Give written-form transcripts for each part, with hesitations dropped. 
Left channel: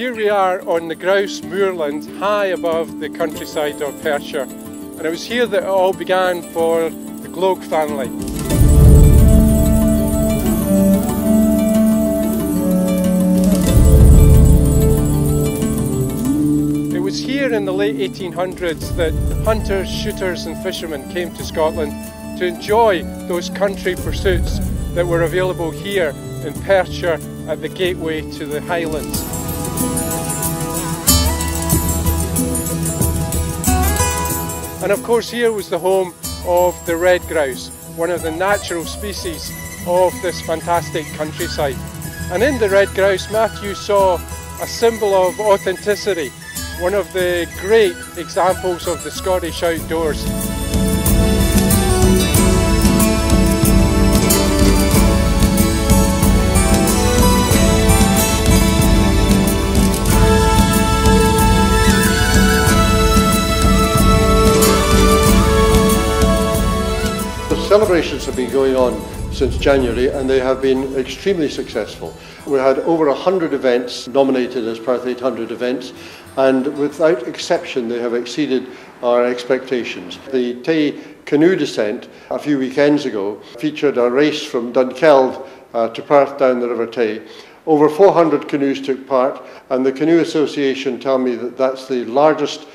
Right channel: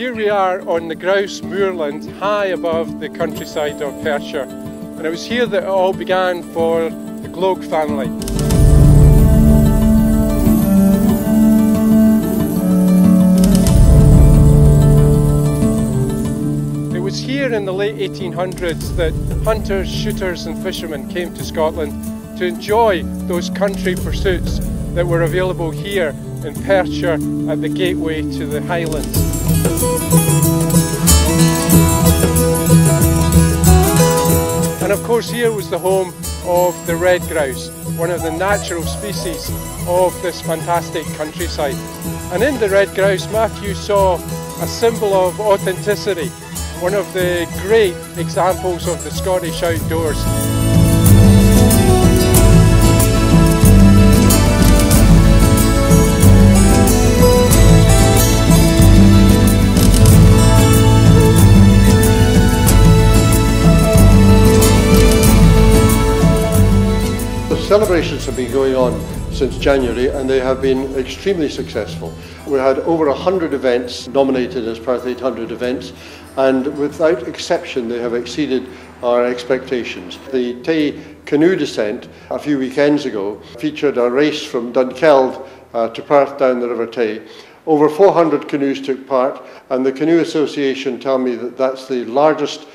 Here we are on the Grouse moorland, high above the countryside of Perthshire, and it was here that it all began for the Gloag family. It was here in the late 1800s that hunters, shooters and fishermen came to Scotland to enjoy those country pursuits that were available here in Perthshire at the gateway to the Highlands. And of course here was the home of the red grouse, one of the natural species of this fantastic countryside. And in the red grouse, Matthew saw a symbol of authenticity, one of the great examples of the Scottish outdoors. The celebrations have been going on since January and they have been extremely successful. We had over 100 events nominated as Perth 800 events, and without exception they have exceeded our expectations. The Tay canoe descent a few weekends ago featured a race from Dunkeld to Perth down the River Tay. Over 400 canoes took part, and the Canoe Association tell me that that's the largest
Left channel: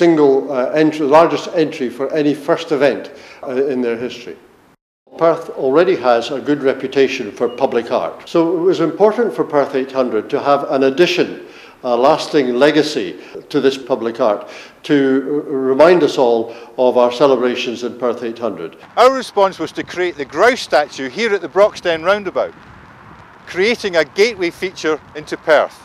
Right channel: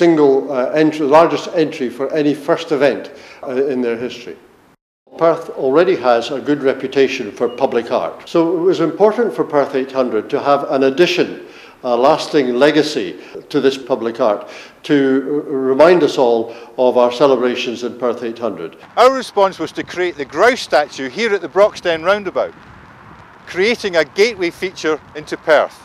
largest entry for any first event in their history. Perth already has a good reputation for public art, so it was important for Perth 800 to have an addition, a lasting legacy to this public art, to remind us all of our celebrations in Perth 800. Our response was to create the Grouse Statue here at the Broxden Roundabout, creating a gateway feature into Perth.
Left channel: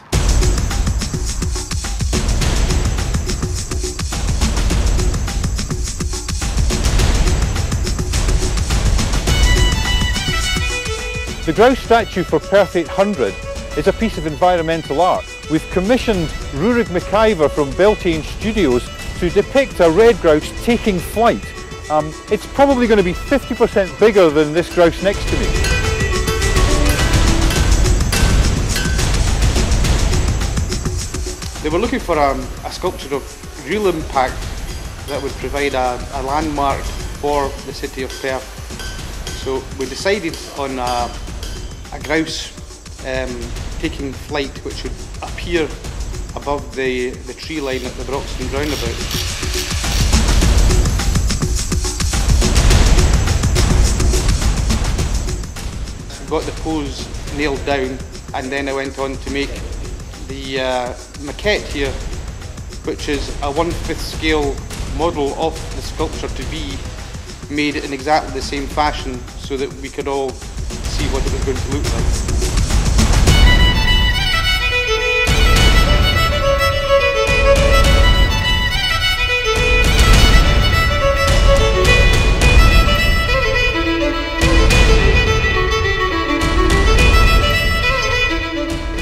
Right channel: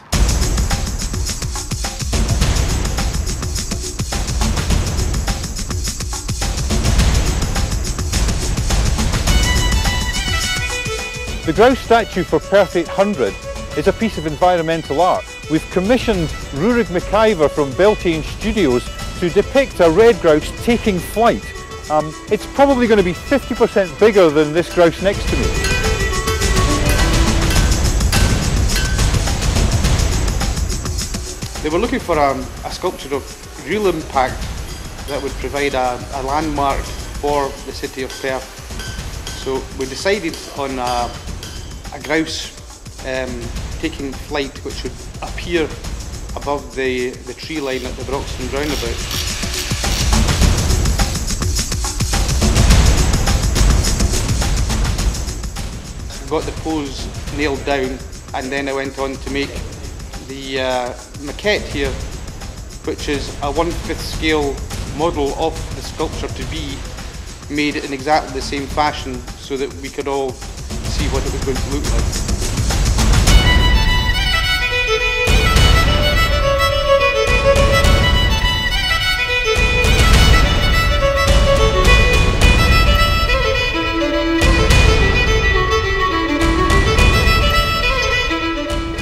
The Grouse Statue for Perth 800 is a piece of environmental art. We've commissioned Ruaridh McIver from Beltane Studios to depict a red grouse taking flight. It's probably going to be 50% bigger than this grouse next to me. They were looking for a sculpture of real impact that would provide a landmark for the city of Perth. So we decided on a grouse taking flight which would appear above the tree line at the Broxden Roundabout. Got the pose nailed down, and then I went on to make the maquette here, which is a 1/5 scale model of the sculpture to be made in exactly the same fashion so that we could all see what it was going to look like.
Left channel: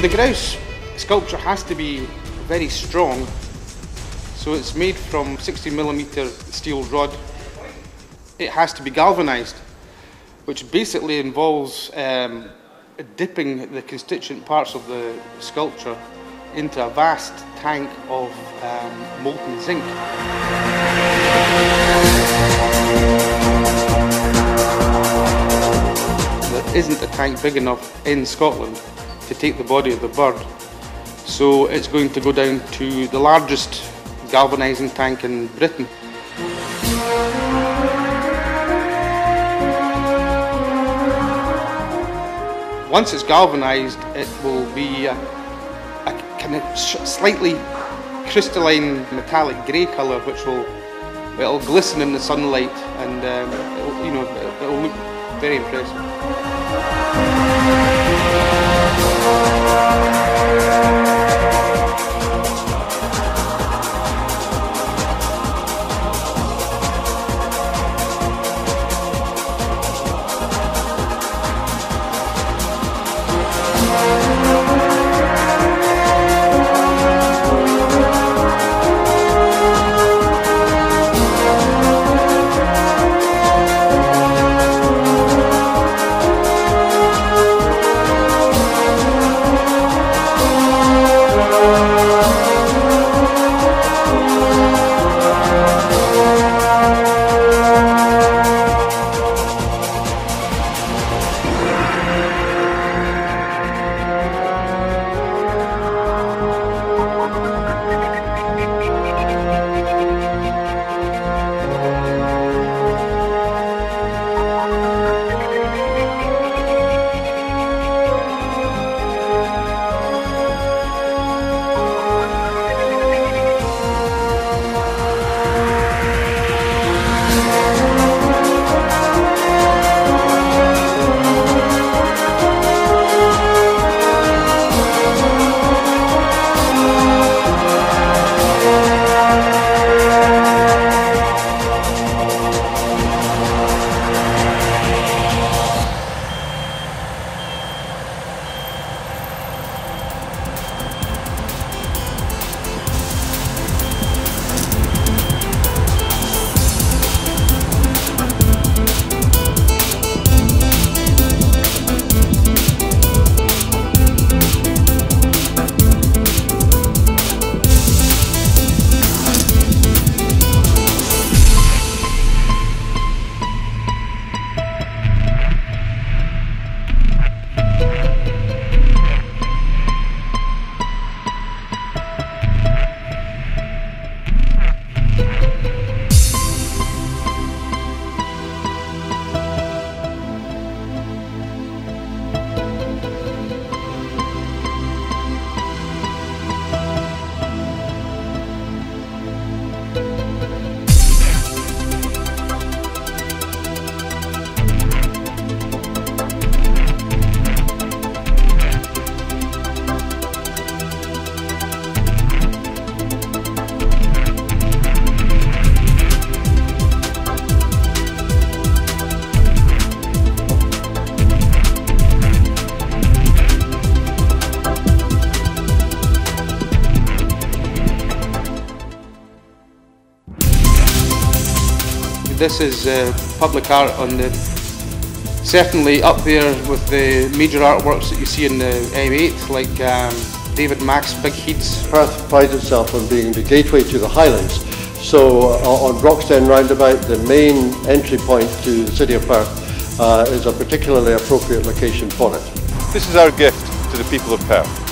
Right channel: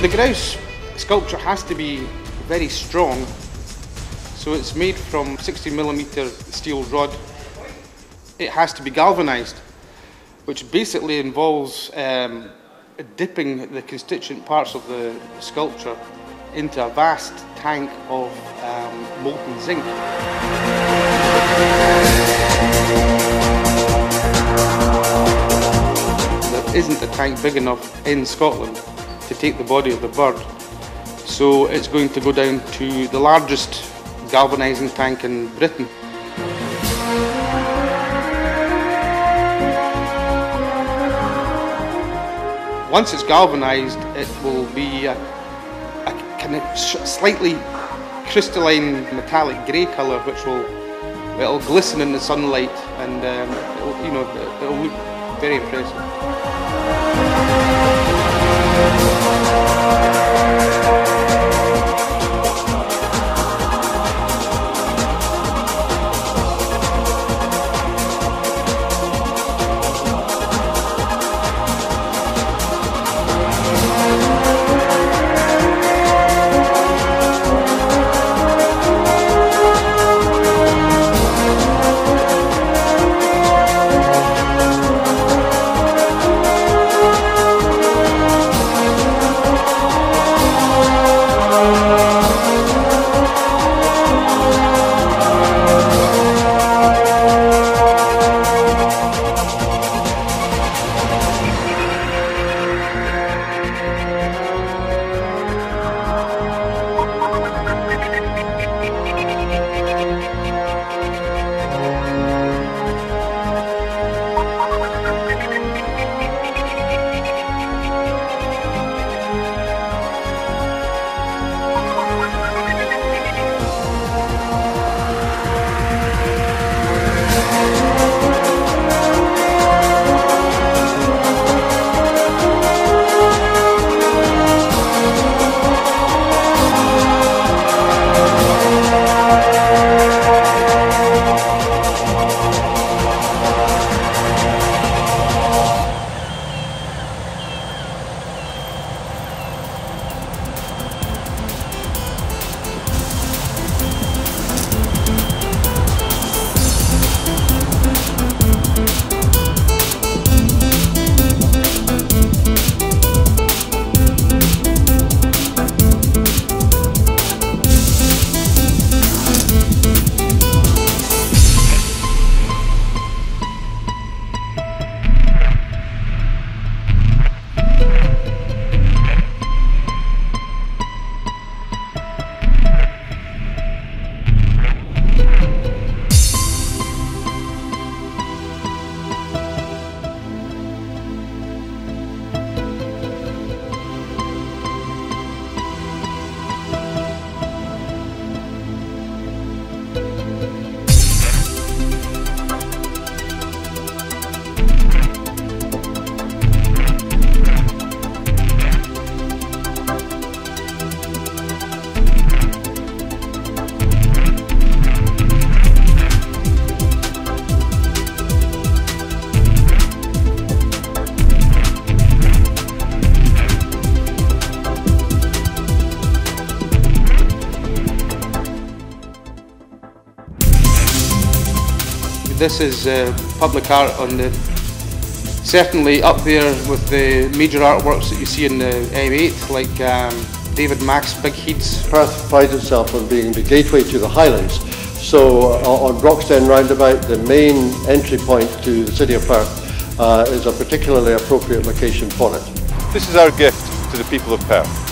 The grouse sculpture has to be very strong, so it's made from 60mm steel rod. It has to be galvanised, which basically involves dipping the constituent parts of the sculpture into a vast tank of molten zinc. There isn't a tank big enough in Scotland to take the body of the bird, so it's going to go down to the largest galvanising tank in Britain. Once it's galvanised, it will be a kind of slightly crystalline metallic grey colour, which it'll glisten in the sunlight, and it'll look very impressive. This is public art on the, certainly up there with the major artworks that you see in the M8, like David Mack's Big Heads. Perth prides itself on being the gateway to the Highlands. So on Broxden Roundabout, the main entry point to the city of Perth is a particularly appropriate location for it. This is our gift to the people of Perth.